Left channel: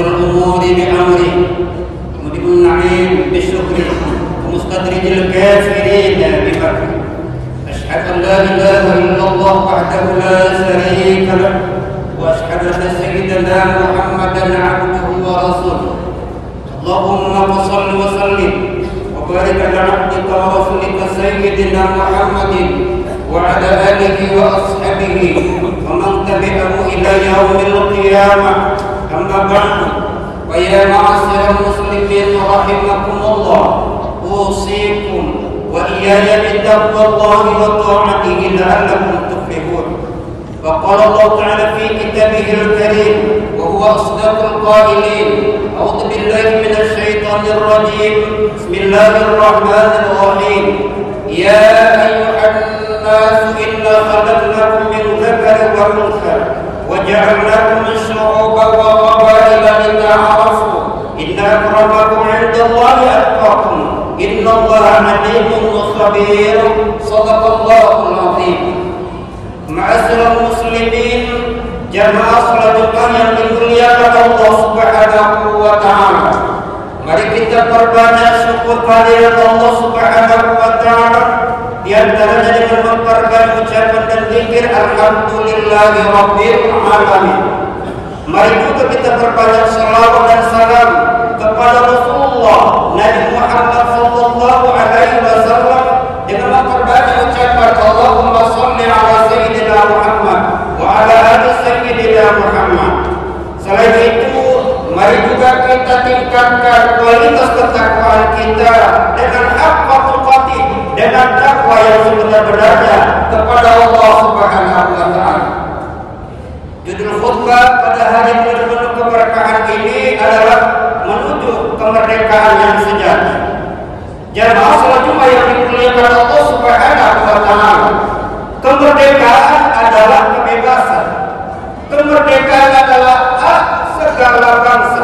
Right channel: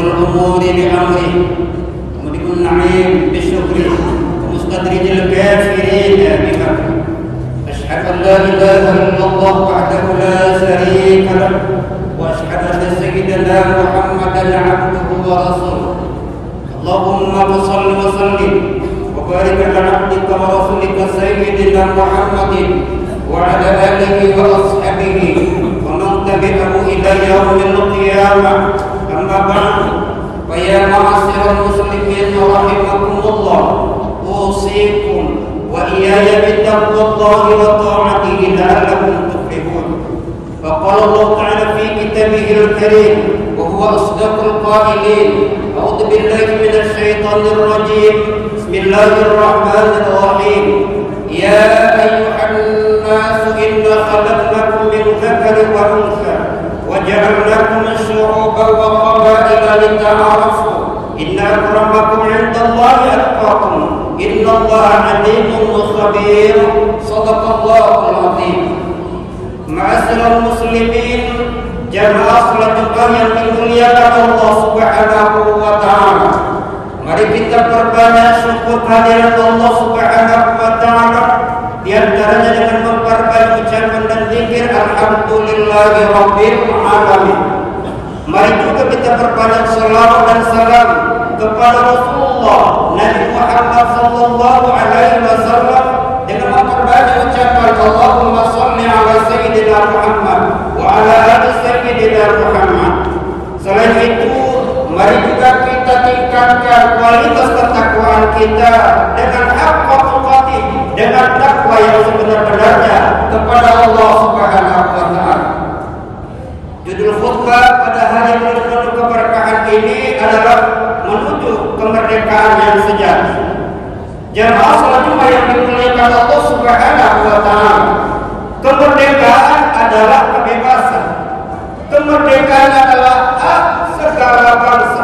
الأمور بأمره وملك النعيم بشكره ومستدرج الكافرين بمكره. أشهد أن لا إله إلا الله وحده لا شريك له وأشهد أن سيدنا محمدا عبده ورسوله. اللهم صل وسلم وبارك على عبدك ورسولك سيدنا محمد وعلى آله وأصحابه ومن تبعه إلى يوم القيامة. أما بعد، ويا معاشر المسلمين رحمكم الله، أوصيكم وإياي بتقوى الله وطاعته لعلكم تفلحون. فقال الله تعالى في كتابه الكريم وهو أصدق القائلين: أعوذ بالله من الشيطان الرجيم، بسم الله الرحمن الرحيم. يا أيها الناس إنا خلقناكم من ذكر وأنثى وجعلناكم شعوبا وقبائل لتعارفوا إن أكرمكم عند الله أتقاكم إن الله عليم خبير. صدق الله العظيم. Ma'asyiral muslimin, jamaah salat Jumat yang dimuliakan Allah Subhanahu wa taala. Mari kita perbanyak syukur kehadirat Allah Subhanahu wa taala, di antaranya dengan memperbanyak ucapan dan zikir alhamdulillahi rabbil alamin. Mari juga kita perbanyak salawat dan salam kepada Rasulullah Nabi Muhammad sallallahu alaihi wasallam dengan memperbanyak ucapan Allahumma shalli ala sayyidina Muhammad wa ala ali sayyidina Muhammad. Selain itu, mari juga kita tingkatkan kualitas ketakwaan kita dengan haqqa tuqatih, dengan takwa yang sebenar-benarnya kepada Allah Subhanahu wa taala. Judul khutbah pada hari penuh keberkahan ini adalah menuju kemerdekaan yang sejati. Jamaah salat Jumat yang dimuliakan Allah Subhanahu wa taala, kemerdekaan adalah kebebasan. Kemerdekaan adalah hak segala bangsa.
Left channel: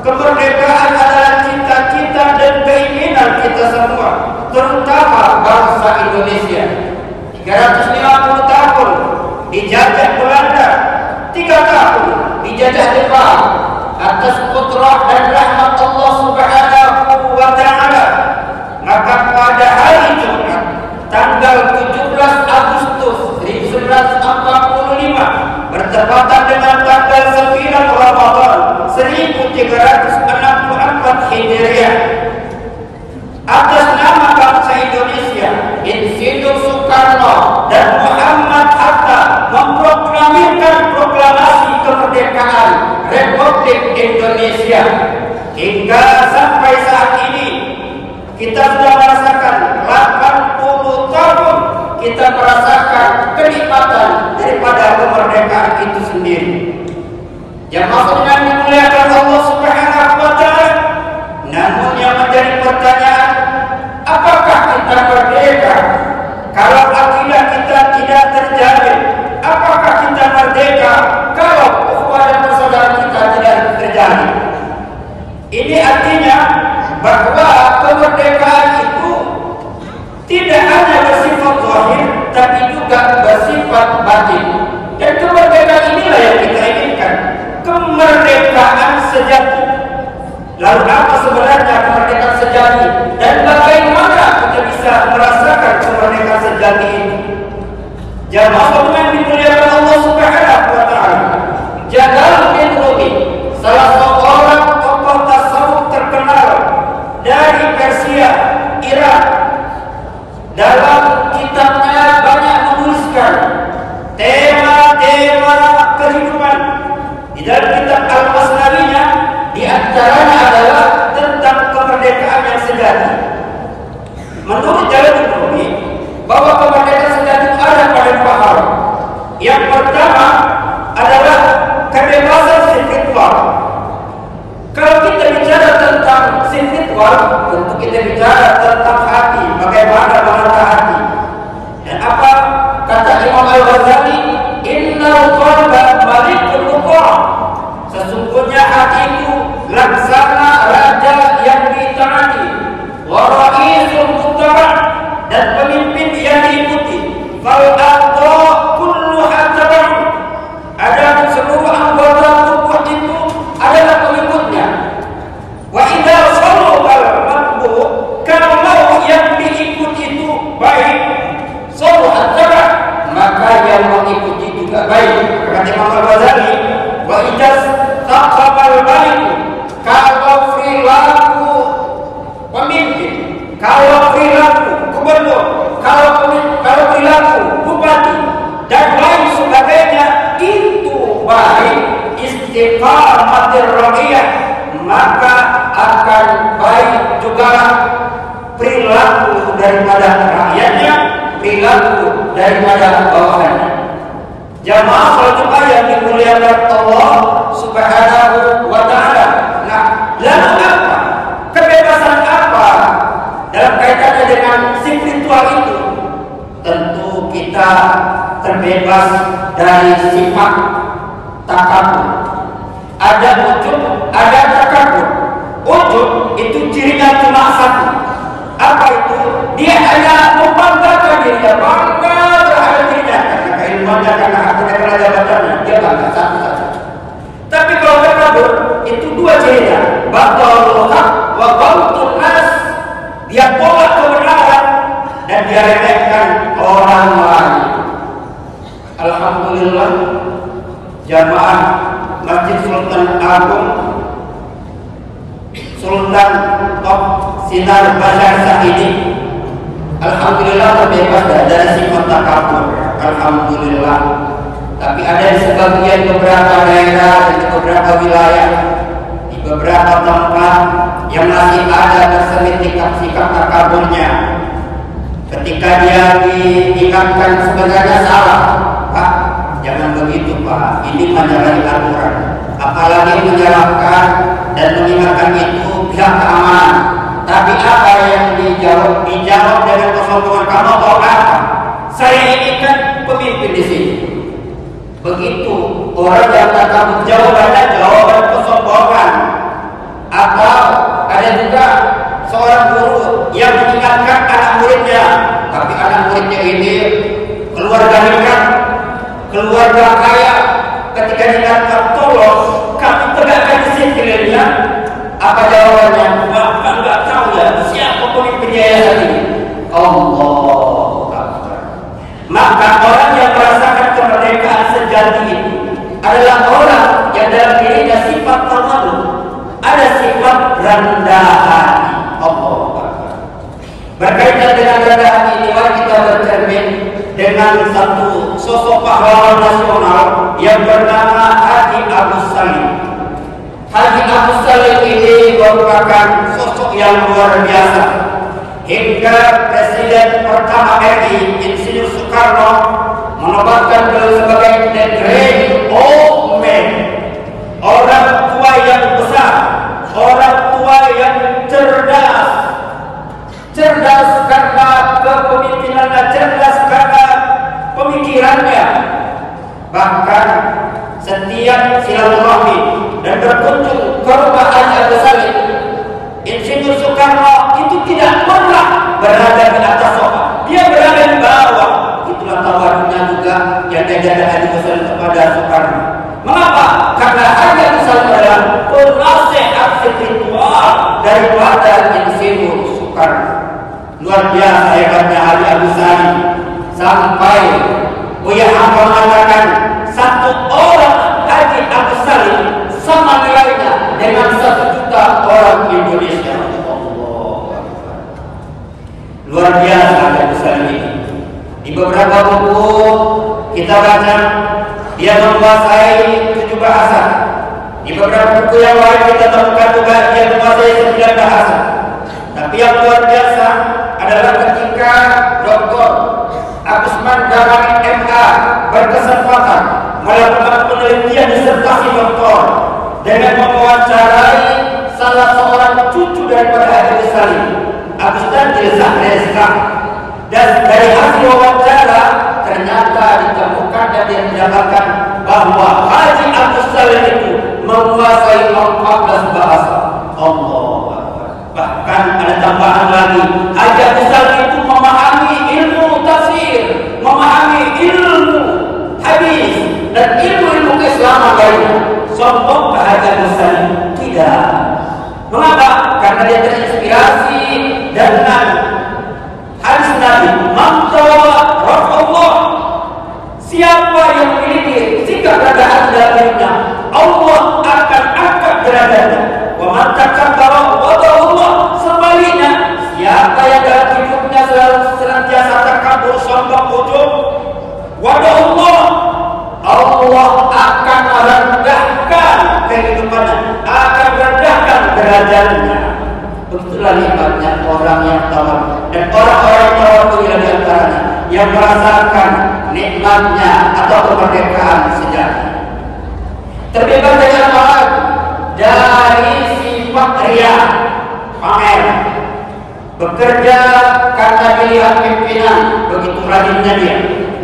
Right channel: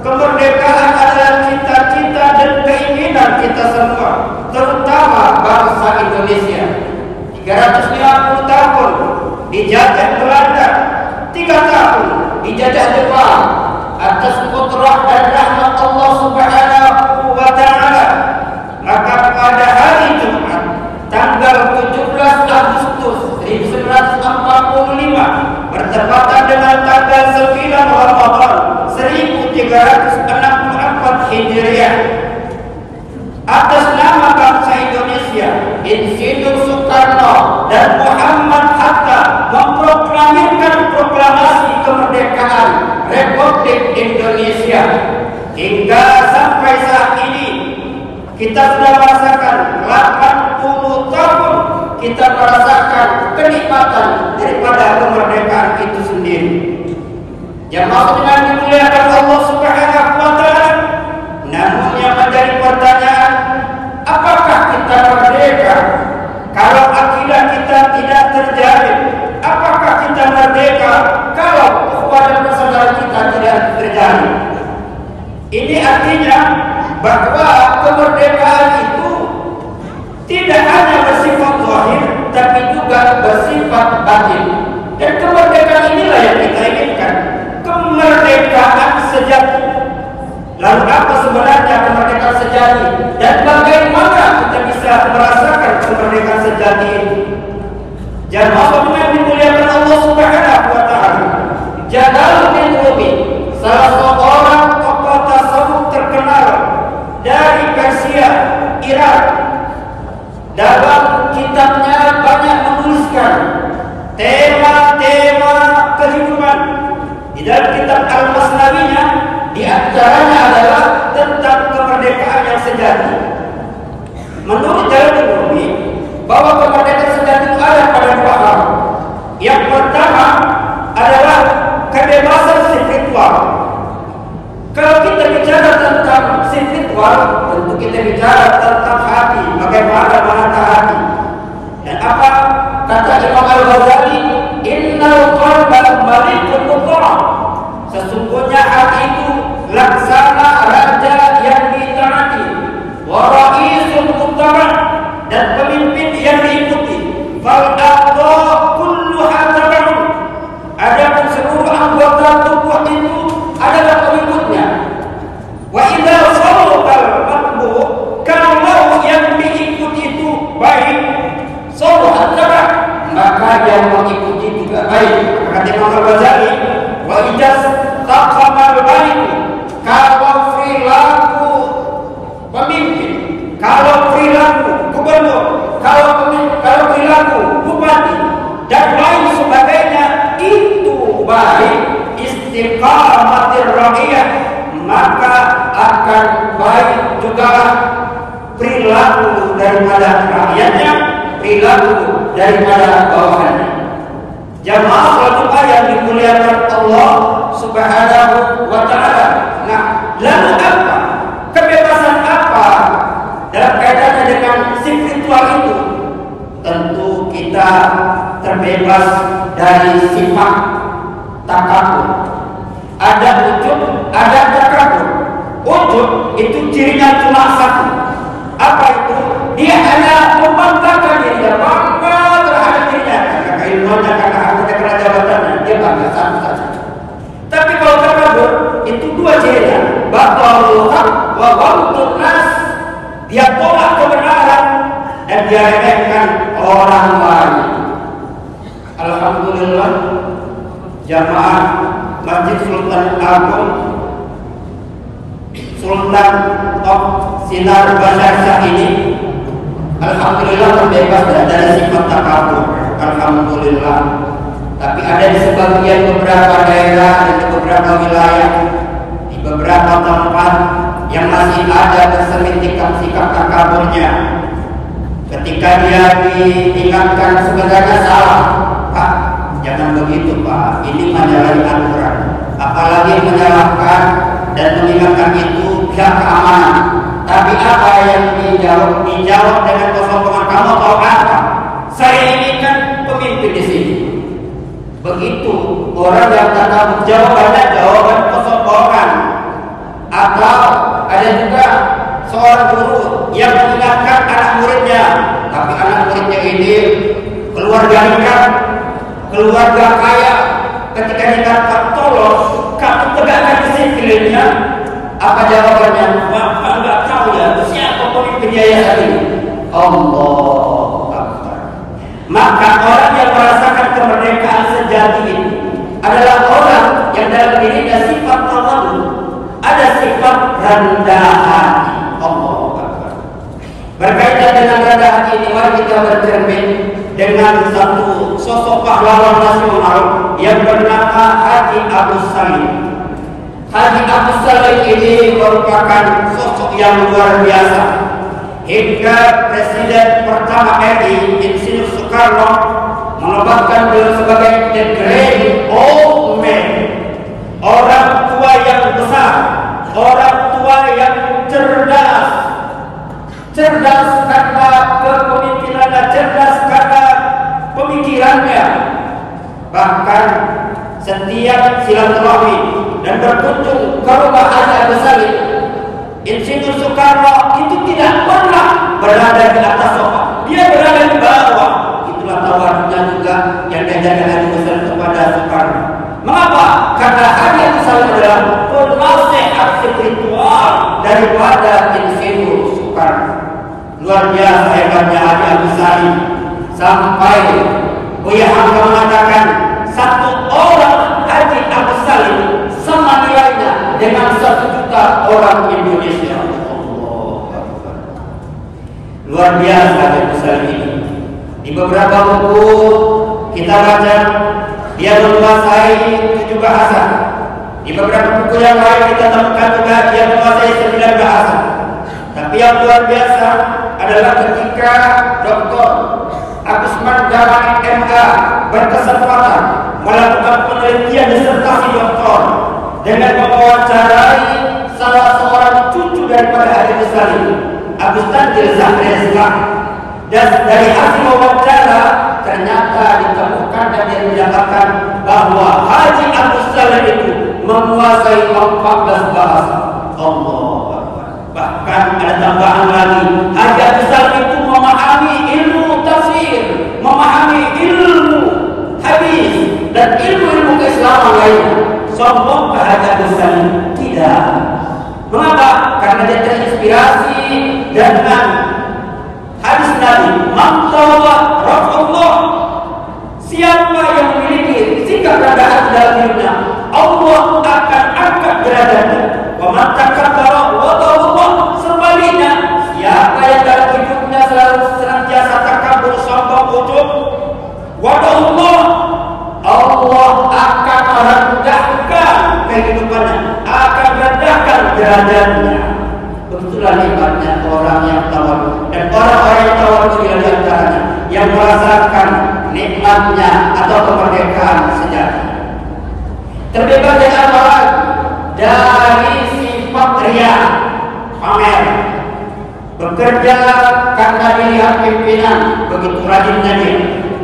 Kemerdekaan adalah cita-cita dan keinginan kita semua, terutama bangsa Indonesia. 350 tahun dijajah Belanda, 3 tahun dijajah Jepang. Atas kudrah dan rahmat Allah Subhanahu wa taala, maka pada hari Jumat tanggal 17 Agustus 1945 bertepatan dengan tanggal 9 Ramadan 1364 Hijriah, atas nama bangsa Indonesia, Insinyur Soekarno dan Muhammad Hatta memproklamirkan proklamasi kemerdekaan Republik Indonesia. Hingga sampai saat ini kita sudah merasakan 80 tahun kita merasakan kenikmatan daripada kemerdekaan itu sendiri. Jamaah yang dimuliakan Allah Subhanahu wa taala, namun yang menjadi pertanyaan, apakah kita merdeka kalau akidah kita tidak terjamin? Apakah kita merdeka kalau ukhuwah dan persaudaraan kita tidak terjalin? Ini artinya bahwa kemerdekaan itu tidak hanya bersifat zahir, tapi juga bersifat batin. Dan kemerdekaan inilah yang kita inginkan, kemerdekaan sejati. Lalu apa sebenarnya kemerdekaan sejati? Dan bagaimana kita bisa merasakan kemerdekaan sejati itu? Jamaah yang dimuliakan Allah Subhanahu wa taala, Jalaluddin Rumi, salah seorang tokoh tasawuf terkenal dari Persia, Iran, dalam kitabnya banyak menuliskan tema-tema kehidupan. Di dalam kitab Al-Masnawinya, di antaranya adalah tentang kemerdekaan yang sejati. Menurut Jalaluddin Rumi, bahwa kemerdekaan sejati itu ada pada 2 hal. Yang pertama adalah kebebasan spiritual. Kalau kita bicara tentang spiritual, tentu kita bicara tentang hati, bagaimana bahasa hati. Dan apa kata Imam Al-Ghazali, innal qalba malikul mutlaq. Sesungguhnya hati itu laksana raja yang ditaati, wa raisul muttaba, dan pemimpin yang baik. Kata Imam Al-Ghazali, wa ijaz taqabal balik, kalau perilaku pemimpin, kalau perilaku gubernur, kalau perilaku bupati dan lain sebagainya itu baik, istiqamatir rakyat, maka akan baik juga perilaku daripada rakyatnya, perilaku daripada bawahannya. Jamaah salat Jumat yang dimuliakan Allah Subhanahu wa taala. Nah, lalu apa? Kebebasan apa dalam kaitannya dengan spiritual itu? Tentu kita terbebas dari sifat takabur. Ada ujub, ada takabur. Ujub itu cirinya cuma satu. Apa itu? Dia hanya membanggakan dirinya, bangga terhadap dirinya karena keilmuannya, karena hartanya, karena jabatannya. Dia bangga satu saja. Tapi kalau takabur itu dua cirinya, batalul haq wa ghamtun nas. Dia tolak kebenaran dan dia remehkan orang lain. Alhamdulillah, jamaah Masjid Sultan Agung Sultan Top Sinar Basyar ini alhamdulillah terbebas dari sifat takabur. Alhamdulillah. Tapi ada di sebagian beberapa daerah dan di beberapa wilayah, di beberapa tempat yang masih ada terselip sikap takaburnya. Ketika dia diingatkan sebenarnya salah, Pak, jangan begitu Pak, ini menyalahi aturan. Apalagi menyalahkan dan mengingatkan itu pihak keamanan. Tapi apa yang dijawab dengan kesombongan, kamu tahu apa? Saya ini kan pemimpin di sini. Begitu orang yang takabur jawabannya jawaban kesombongan. Atau ada juga seorang guru yang mengingatkan anak muridnya, tapi anak muridnya ini keluarga nikah, keluarga kaya. Ketika diingatkan, tolong kamu tegakkan disiplinnya. Apa jawabannya? Bapak nggak tahu ya siapa pemimpinnya ya tadi. Allah Akbar. Maka orang yang merasakan kemerdekaan sejati itu adalah orang yang dalam dirinya sifat tawadhu, ada sifat rendah hati. Allah Akbar. Berkaitan dengan rendah hati ini, mari kita bercermin dengan satu sosok pahlawan nasional yang bernama Haji Agus Salim. Haji Agus Salim ini merupakan sosok yang luar biasa. Hingga Presiden pertama RI Insinyur Soekarno menobatkan beliau sebagai the great old man, orang tua yang besar, orang tua yang cerdas. Cerdas karena kepemimpinannya, cerdas karena pemikirannya. Bahkan setiap silaturahmi dan berkunjung ke rumah Haji Agus Salim, Insinyur Soekarno itu tidak pernah berada di atas sofa, dia berada di bawah. Itulah tawadhunya juga yang diajarkan Haji Agus Salim kepada Soekarno. Mengapa? Karena Haji Agus Salim adalah penasehat spiritual daripada Insinyur Soekarno. Luar biasa hebatnya Haji Agus Salim, sampai Buya Hamka mengatakan satu orang Haji Agus Salim sama nilainya dengan 1 juta orang Indonesia. Luar biasa Haji Agus Salim ini. Di beberapa buku kita baca dia menguasai 7 bahasa. Di beberapa buku yang lain kita temukan juga dia menguasai 9 bahasa. Tapi yang luar biasa adalah ketika Dr. Agusman Damani MA berkesempatan melakukan penelitian disertasi doktor dengan mewawancarai salah seorang cucu daripada Haji Agus Salim, Agus Tanjil Zahrezla. Dan dari hasil wawancara ternyata ditemukan dan didapatkan bahwa Haji Agus Salim itu menguasai 14 bahasa. Allah. Bahkan ada tambahan lagi, Haji Agus Salim itu memahami ilmu tafsir, memahami ilmu hadis dan ilmu-ilmu keislaman lain. Sombong Haji Agus Salim? Tidak. Mengapa? Karena dia terinspirasi dengan hadis Nabi, "Man tawa rafa'allah." Siapa yang memiliki berzikir, sikap rendah hati dalam hidupnya, Allah akan angkat derajatnya. Wa man takabbara wada'ullah. Sebaliknya, siapa yang dalam hidupnya selalu senantiasa takabur, sombong, ujub, wada'ullah, Allah akan merendahkan kehidupannya, akan merendahkan derajatnya. Begitulah nikmatnya orang yang tawar. Dan orang-orang yang tawar itu di antaranya yang merasakan nikmatnya atau kemerdekaan sejati. Terbebas dari apa lagi? Dari sifat riya, pamer. Bekerja karena dilihat pimpinan, begitu rajinnya dia.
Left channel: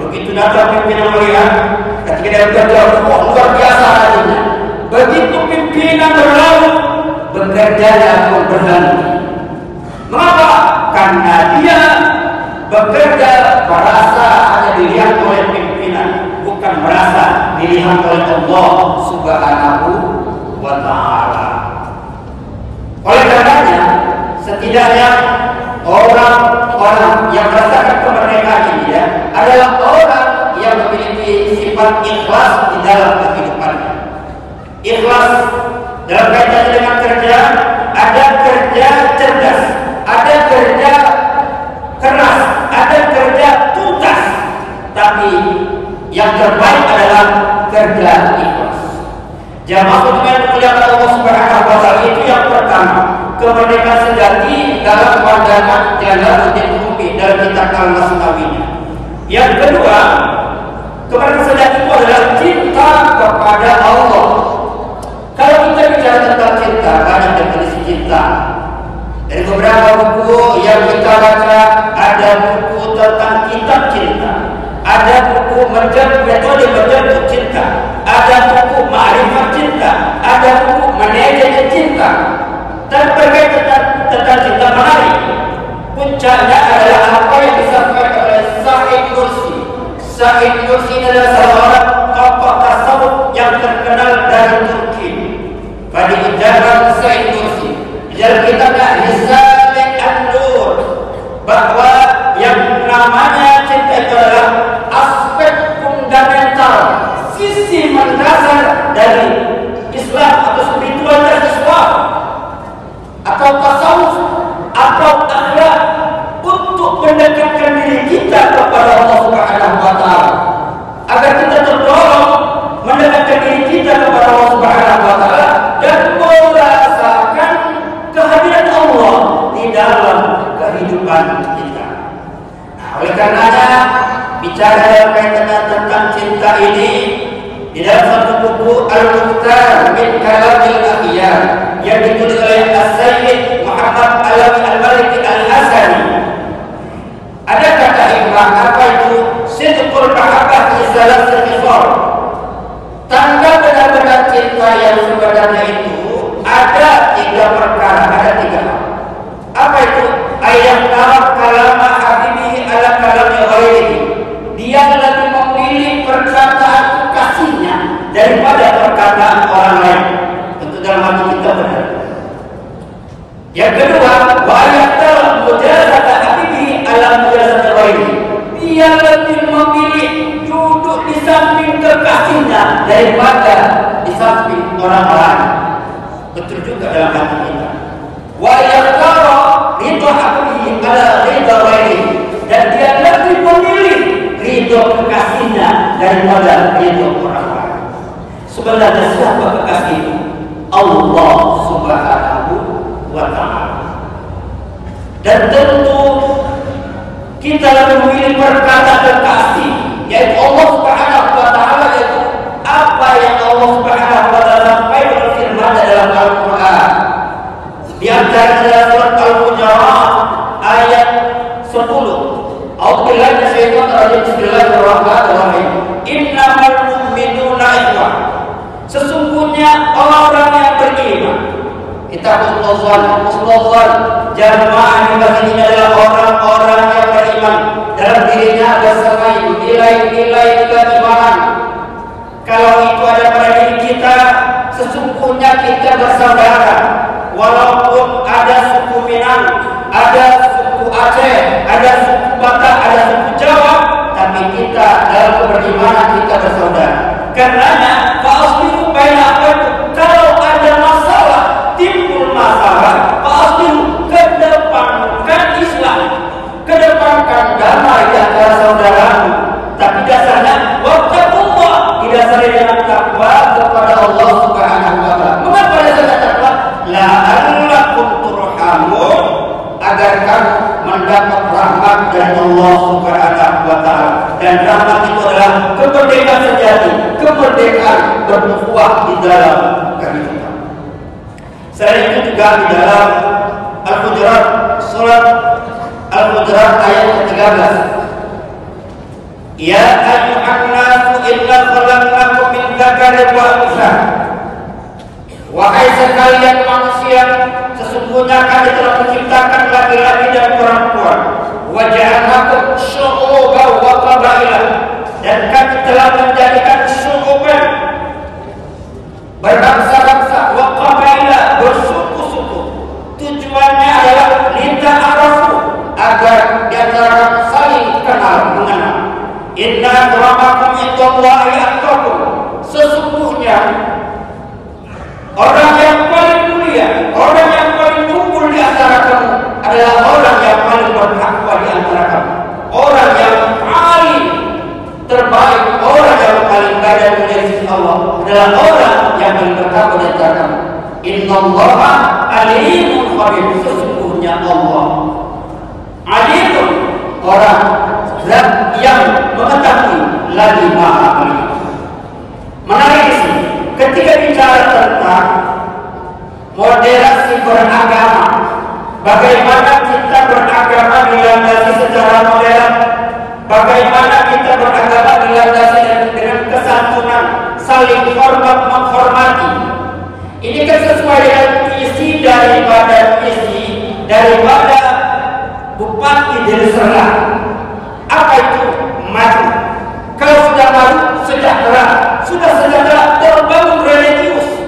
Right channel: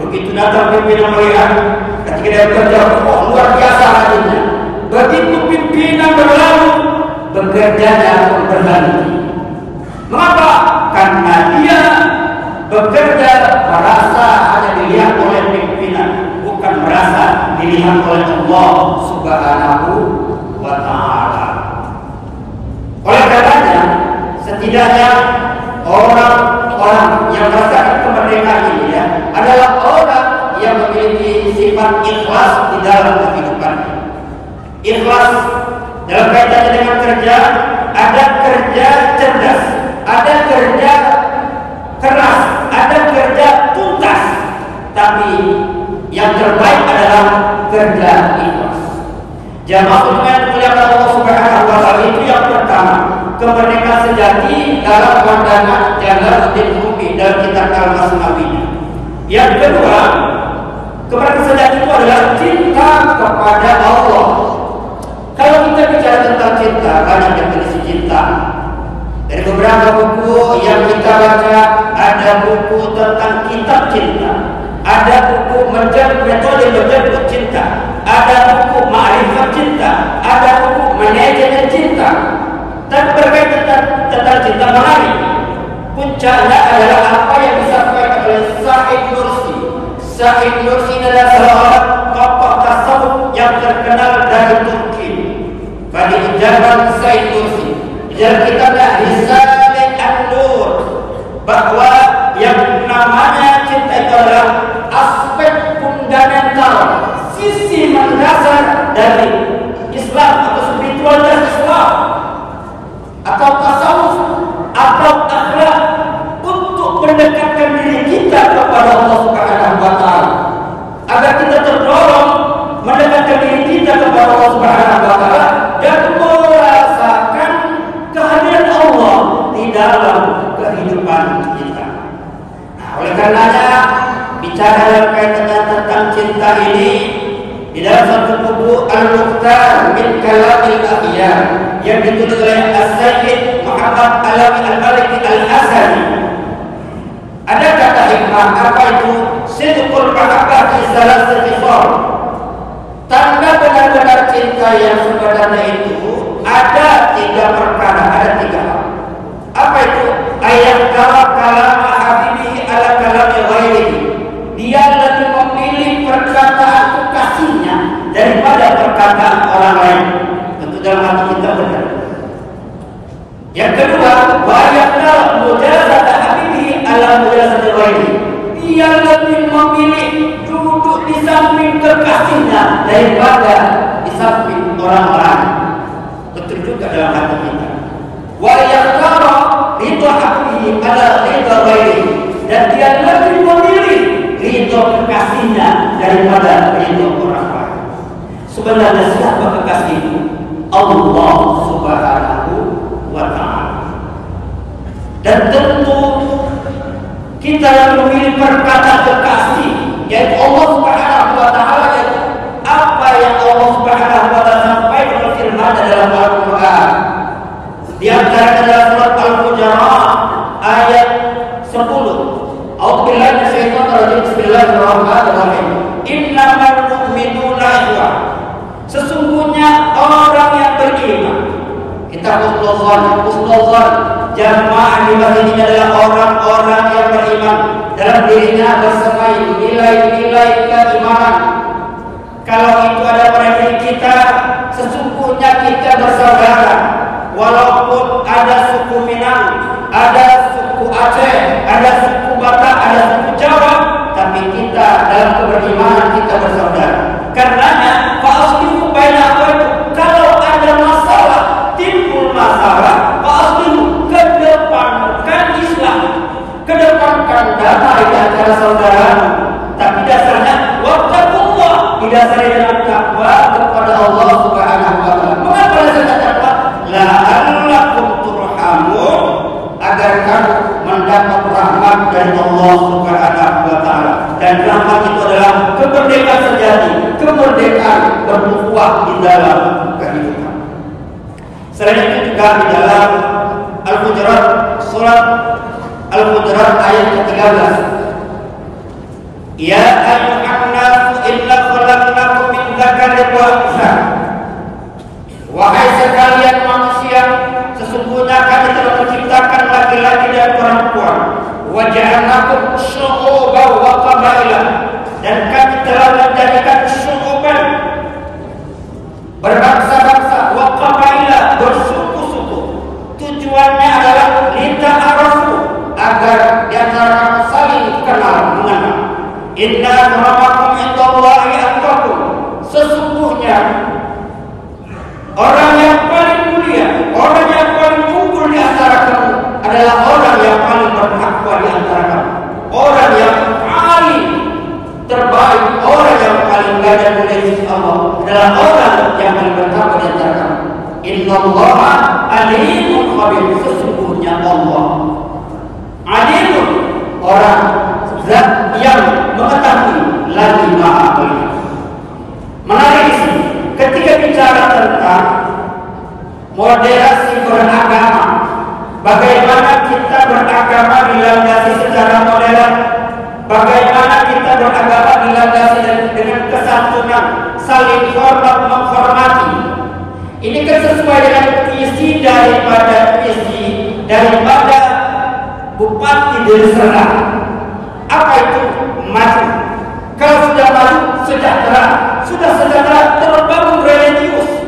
Begitu datang pimpinan melihat, ketika dia bekerja, luar biasa rajinnya. Begitu pimpinan berlalu, bekerjanya pun berhenti. Mengapa? Karena dia bekerja merasa hanya dilihat oleh pimpinan, bukan merasa dilihat oleh Allah Subhanahu wa Ta'ala. Oleh karenanya, setidaknya orang-orang yang merasakan kemerdekaan ini ya, adalah orang yang memiliki sifat ikhlas di dalam kehidupannya. Ikhlas dalam kaitannya dengan kerja, ada kerja cerdas, ada kerja keras, ada kerja tuntas, tapi yang terbaik adalah kerja ikhlas. Jamaah dengan muliakan Allah Subhanahu wa Ta'ala, itu yang pertama, kemerdekaan sejati dalam pandangan Jalaluddin Rumi dalam kitab Al-Masnawinya. Yang kedua, kemerdekaan sejati itu adalah cinta kepada Allah. Kalau kita bicara tentang cinta, banyak definisi cinta. Dari beberapa buku yang kita baca, ada buku tentang kitab cinta, ada buku metode menjemput cinta, ada buku ma'rifat cinta, ada buku manajemen cinta. Dan berkait tentang cinta menarik. Puncaknya adalah apa yang disampaikan oleh Said Nursi. Said Nursi adalah seorang tokoh tasawuf yang terkenal dari Turki. Pada ucapan Said Nursi dalam kitabnya Risale An-Nur, bahwa yang namanya cinta itu adalah aspek fundamental, sisi mendasar dari Islam atau spiritualitas Islam atau tasawuf atau akhlak untuk mendekatkan diri kita kepada Allah Subhanahu wa Ta'ala, agar kita terdorong mendekatkan diri kita kepada Allah Subhanahu wa Ta'ala dan merasakan kehadiran Allah di dalam kehidupan kita. Nah, oleh karenanya bicara dalam kaitan tentang cinta ini, di dalam satu buku Al-Mukhtar min Kalamil Akhyar yang ditulis oleh As-Sayyid Muhammad Alawi Al-Maliki Al-Hasani, ada kata hikmah, apa itu? Sidqul mahabbah fi salasati khifar. Tanda benar-benar cinta yang sebenarnya itu ada tiga perkara, ada tiga hal. Apa itu? Ayat kalama habibihi ala kalami ghairihi. Dia lebih memilih perkataan kekasihnya daripada perkataan orang lain. Tentu dalam hati kita benar. Yang kedua, wa ayatul mujazata habibi ala mujazati ghairihi. Dia lebih memilih duduk di samping kekasihnya daripada di samping orang lain. Betul juga dalam hati kita. Wa yaqra ridha habibi ala ridha ghairihi. Dan dia lebih memilih ridho kekasihnya daripada ridho orang lain. Sebenarnya siapa kekasih itu? Allah Subhanahu wa Ta'ala. Dan tentu kita memilih perkataan kekasih, yaitu Allah Subhanahu wa Ta'ala, yaitu apa yang Allah Subhanahu wa Ta'ala sampaikan dalam firman dalam Al-Quran. Di antara adalah surat Al-Hujurat ayat 10. A'udzubillahi minasyaitonir rajim. Bismillahirrahmanirrahim. Innamal mu'minuna ikhwah. Sesungguhnya orang yang beriman, kita husnuzan, jamaah di masjid ini adalah orang-orang yang beriman, dalam dirinya bersemayam nilai-nilai keimanan. Kalau itu ada pada diri kita, sesungguhnya kita bersaudara. Walaupun ada suku Minang, ada suku Aceh, ada suku Batak, ada suku Jawa, tapi kita dalam keberimanan kita bersaudara. didasari dengan takwa kepada Allah Subhanahu wa taala. Mengapa dasarnya takwa? La'allakum turhamun, agar kamu mendapat rahmat dari Allah Subhanahu wa taala. Dan rahmat itu adalah kemerdekaan sejati, kemerdekaan berbuah di dalam kehidupan. Selain itu juga di dalam Al-Hujurat, surat Al-Hujurat ayat ke-13. Ya ayyuhan nasu inna khalaqnakum min dzakarin wa untha. Wahai sekalian manusia, sesungguhnya kami telah menciptakan laki-laki dan perempuan. Wa ja'alnakum syu'uban wa qabaila, dan kami telah menjadikan syu'uban, berbangsa-bangsa, wa qabaila, bersuku-suku. Tujuannya adalah lita'arafu, agar di antara saling kenal mengenal. Inna akramakum indallahi atqakum, sesungguhnya orang yang paling mulia, orang yang paling unggul di antara kamu adalah orang yang paling bertakwa di antara kamu. Orang yang paling terbaik, orang yang paling baik dan mulia di sisi Allah adalah orang yang paling bertakwa di antara kamu. Innallaha alimun khabir, sesungguhnya Allah alimun, orang zat yang mengetahui lagi maha melihat. Menarik di sini ketika bicara tentang moderasi beragama, bagaimana kita beragama dilandasi secara modern, bagaimana kita beragama dilandasi dengan kesantunan, saling hormat menghormati. Ini kan sesuai dengan isi daripada Bupati Deli Serdang. Apa itu maju? Kalau sudah maju, sejahtera. Sudah sejahtera, terbangun religius.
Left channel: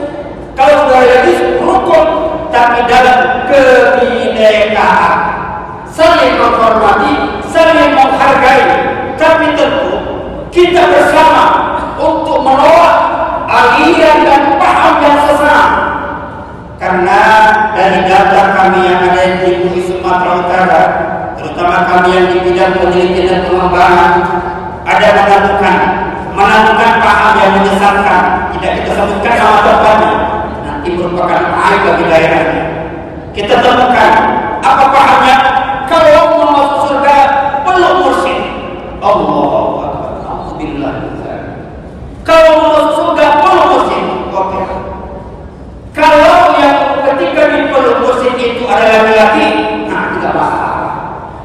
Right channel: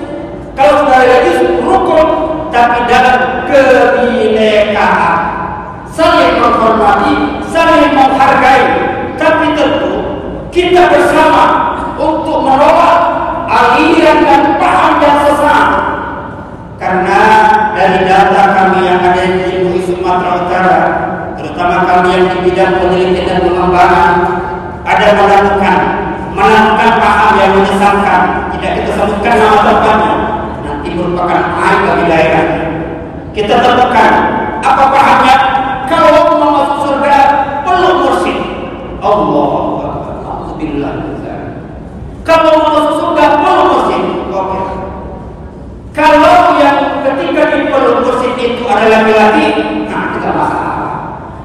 Kalau sudah religius, rukun, tapi dalam kebinekaan, saling menghormati, saling menghargai. Tapi tentu kita bersama untuk menolak aliran dan paham yang sesat. Karena dari data kami yang ada di MUI Sumatera Utara, terutama kami yang di bidang penelitian dan pengembangan, ada menentukan paham yang menyesatkan. Tidak kita sebutkan nama tempatnya, nanti merupakan aib bagi daerah. Kita temukan apa pahamnya. Kalau mau masuk surga peluk mursyid, Allahu Akbar. Kalau mau masuk surga peluk mursyid, oke. Kalau yang ketika dipeluk mursyid itu adalah laki-laki, nah tidak masalah.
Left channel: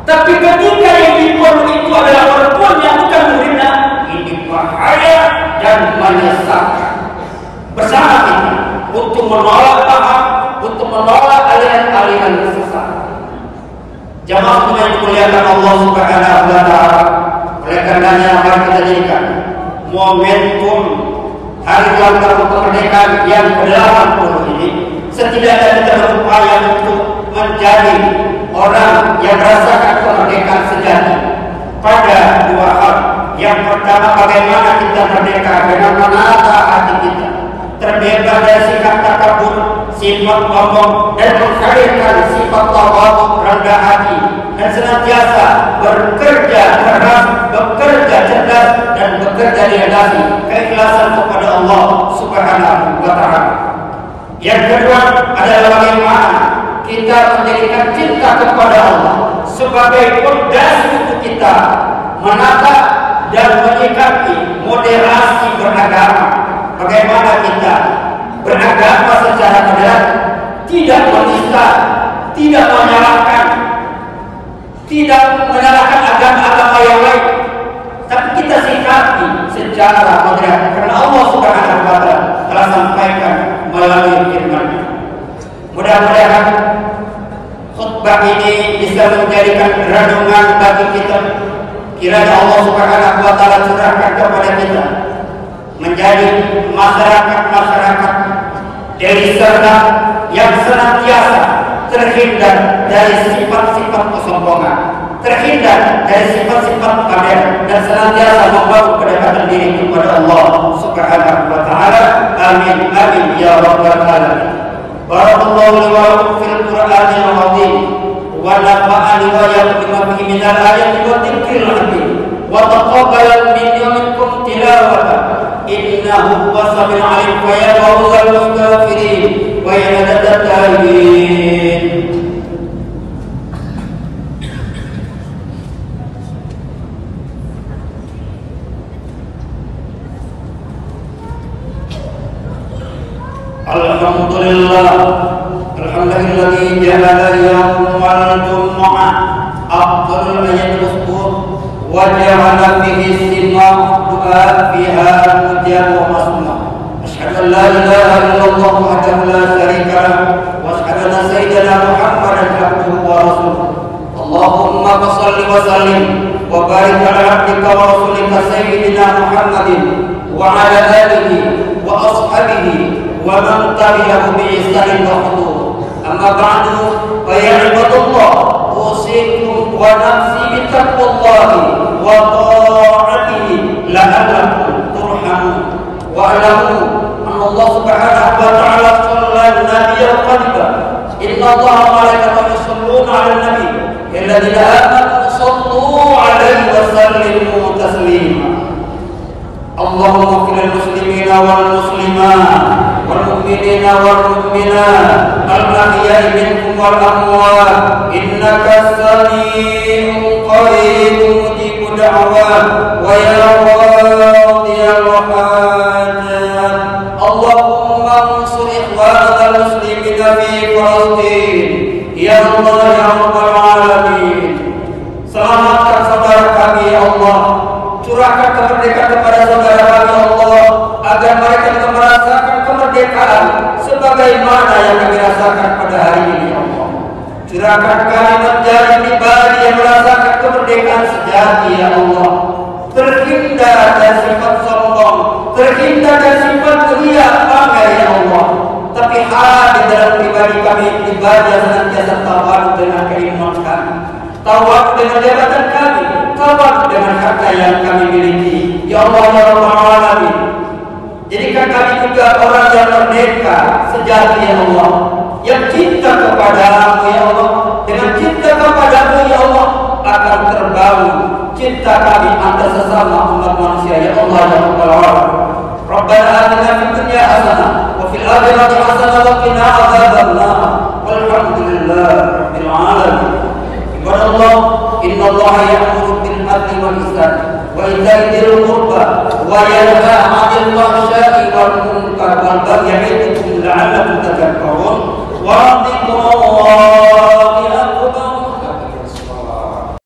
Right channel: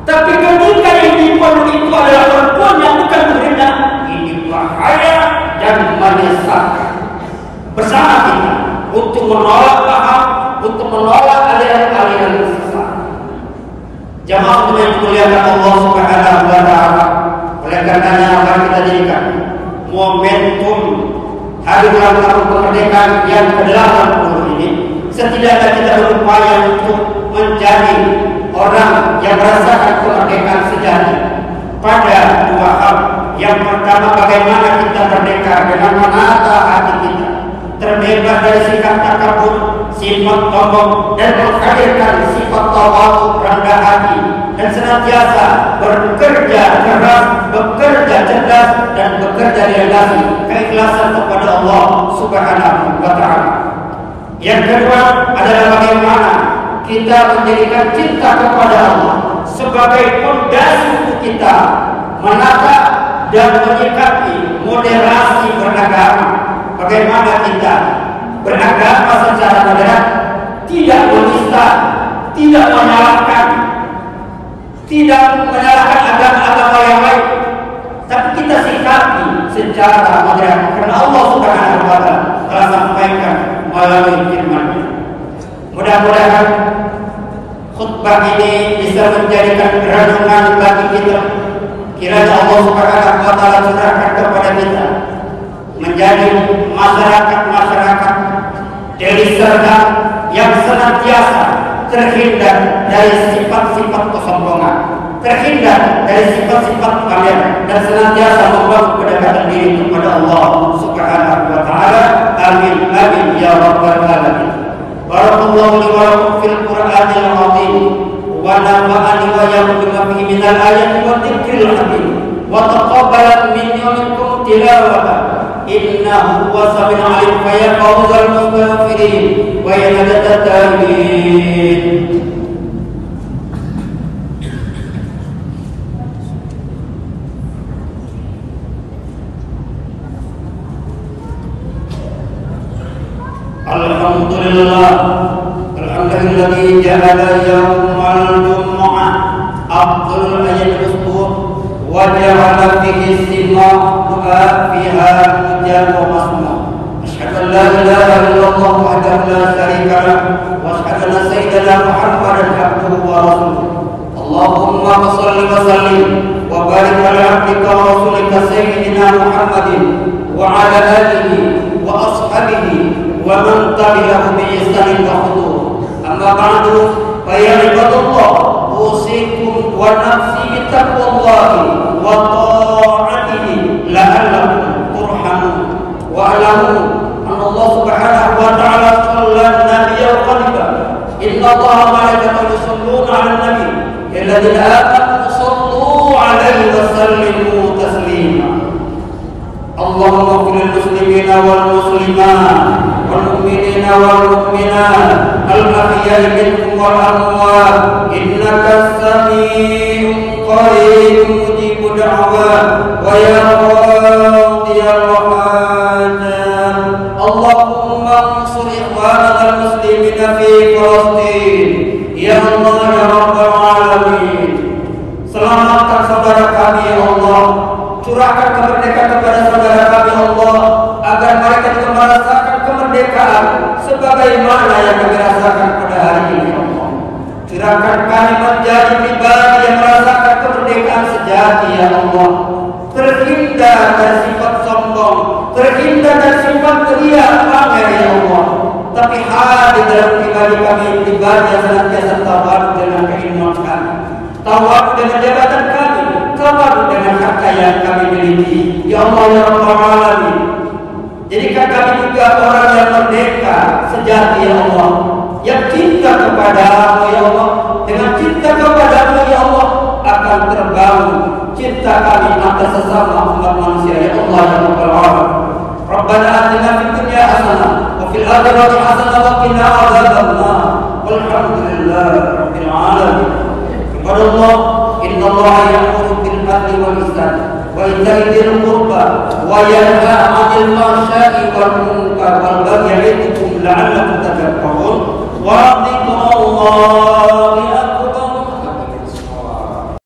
Tapi ketika yang dipeluk itu adalah perempuan yang bukan muridnya, ini bahaya dan menyesatkan. Bersama kita untuk menolak paham, untuk menolak aliran-aliran sesat. Jamaah semua yang dimuliakan Allah Subhanahu wa taala. Oleh karenanya mari kita jadikan momentum hari ulang tahun kemerdekaan yang ke-80 ini, setidaknya kita berupaya untuk menjadi orang yang merasakan kemerdekaan sejati pada dua hal. Yang pertama, bagaimana kita merdeka dengan menata hati kita, terbebas dari sikap takabur, sifat sombong, dan menghadirkan sifat tawadhu, rendah hati, dan senantiasa bekerja keras, bekerja cerdas, dan bekerja dilandasi keikhlasan kepada Allah Subhanahu wa taala. Yang kedua adalah bagaimana kita menjadikan cinta kepada Allah sebagai fondasi untuk kita menata dan menyikapi moderasi beragama. Bagaimana kita beragama secara moderat, tidak menista, tidak menyalahkan agama-agama yang lain, tapi kita sikapi secara moderat, karena Allah Subhanahu wa taala telah sampaikan melalui firman-Nya. Mudah-mudahan khutbah ini bisa menjadikan renungan bagi kita. Kiranya Allah Subhanahu wa taala curahkan kepada kita menjadi masyarakat Deli Serdang yang senantiasa terhindar dari sifat-sifat kesombongan, terhindar dari sifat-sifat pamer, dan senantiasa membangun kedekatan diri kepada Allah Subhanahu wa taala. Amin amin ya rabbal alamin. Barakallahu li wa lakum fil Qur'anil azim wa nafa'ani wa iyyakum bima fihi minal ayati wa dzikril hakim wa taqabbal minni wa minkum tilawatan. ويا فوز المستغفرين ويا ندى التائبين. Alhamdulillah, alhamdulilladzi ja'ala yaumal jumu'ah afdalul ayyamil usbu' wa ja'ala fihi istima'u du'a fiha mujab wa masmu'. Asyhadu an la ilaha illallah wahdahu la syarika lah wa asyhadu anna sayyidana Muhammadan abduhu wa rasuluh. Allahumma shalli wa sallim wa barik ala abdika wa rasulika sayyidina Muhammadin wa ala alihi wa ashabihi wa man tabi'ahu bi ihsanin wa khudu'. Amma ba'du, fa ya ibadallah, usikum wa nafsi bi taqwallahi wa ta'atihi la'allakum turhamun. Wa alamu anna Allah subhanahu wa ta'ala shalla an-nabiyya qadiban. Inna Allaha wa malaikatahu yusholluna 'alan nabiy ya ayyuhalladzina amanu shallu 'alaihi wa sallimu taslima. Allahumma ighfir lil muslimina wal muslimat wal mu'minina wal mu'minat al ahya'i minhum wal amwat innaka samii'un qariibun mujibud da'wat wa ya qadiyal hajat. Allahumma ansur ikhwanana al muslimina fi Palestin ya Allah ya rabbal alamin. Selamatkan saudara kami ya Allah, curahkan kemerdekaan kepada saudara kami ya Allah, agar mereka juga merasakan kemerdekaan sebagaimana yang kami rasakan pada hari ini. Curahkan kami menjadi pribadi yang merasakan kemerdekaan sejati ya Allah, terhindar dari sifat sombong, terhindar dari sifat ria pamer ya Allah, tapi hadir dalam pribadi kami, pribadi yang senantiasa tawadu dengan keimanan kami, tawadu dengan jabatan kami, tawadu dengan harta yang kami miliki ya Allah ya Rabbal Alamin. Jadikan kami juga orang yang merdeka sejati ya Allah, yang cinta kepada-Mu ya Allah. Dengan cinta kepada-Mu ya Allah akan terbangun cinta kami antar sesama umat manusia ya Allah ya Rabbal Alamin. Rabbana atina fid dunya hasanah wa fil akhirati hasanah wa qina adzabannar. Walhamdulillahirabbil alamin. Ibadallah, innallaha ya'muru bil adli wal ihsan wa ita'i dzil qurba wa yanha 'anil fahsya'i wal munkar wal baghi ya'idukum la'allakum tadhakkarun. Wa